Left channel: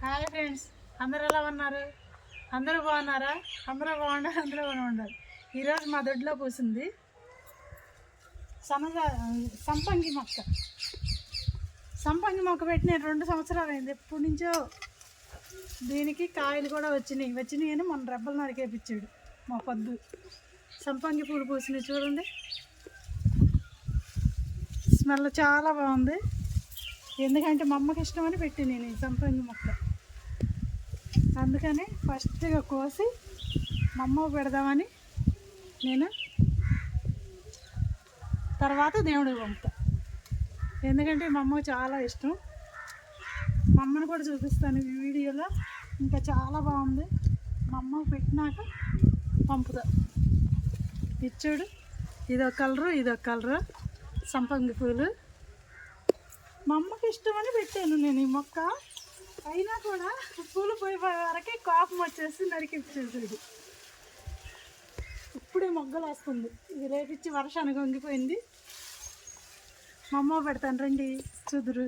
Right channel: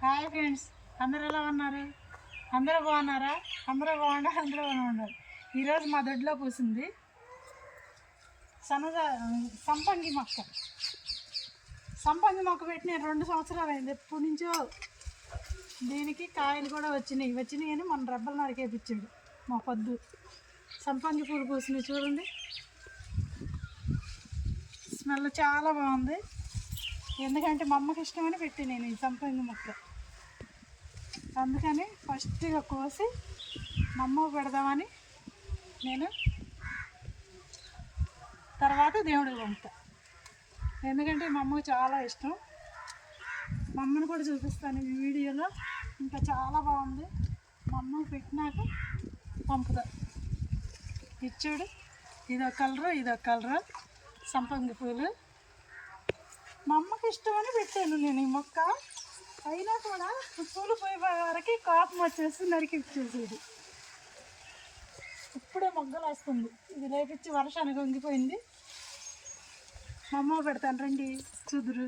Hi friends, అందరూ ఎలా ఉన్నారు? అందరూ బాగున్నారా? అందరూ బాగుండాలి, అందరూ బాగుండాలి. ఈరోజు మా దొడ్లో పూసింది సంపంగి మొక్క. సంపంగి మొక్క పెట్టి నేను 2 సంవత్సరాలు అయింది. ఎప్పటి నుంచో దీనికి కాయలు కూడా వచ్చినాయి అని మన రెబ్బలు నరికేపించాడు మా పొద్దు. సంపంగి పూలు పూసినాయి చూడండి, స్మెల్ చాలా బాగుంది. ఎందుకంటే మా అమ్మకి ఇష్టమని పెట్టి నేను ఈ సంపంగి మొక్క. అందుకని ఫస్ట్గా కోసి మా అమ్మకు పెడదామని నేను తర్వాత దేవుడికి పంపుతా. ఎందుకంటే మా అమ్మకు చాలా ఇష్టం. మా అమ్మను కూడా చూపిస్తాను ఈ వీడియోలో. ఇంకా చాలా బాగుంది. మా అమ్మకు పెట్టినాక పంపుతా. ఇచ్చాడు, ఇదొక కలరు సంపంగి పూలు. మా అమ్మకి ఇష్టమని పెట్టాను నేను ఈ మొక్క. అయినా కూడా పూలు పోయే వరకు కోపం వచ్చేసి నరికి ఇచ్చేసేది. ఇప్పుడే మొగ్గలు వస్తుంది. ఇది లేపించి వర్షానికి వంగిపోయింది. మా అమ్మ పెడతాను రండి చూదురు.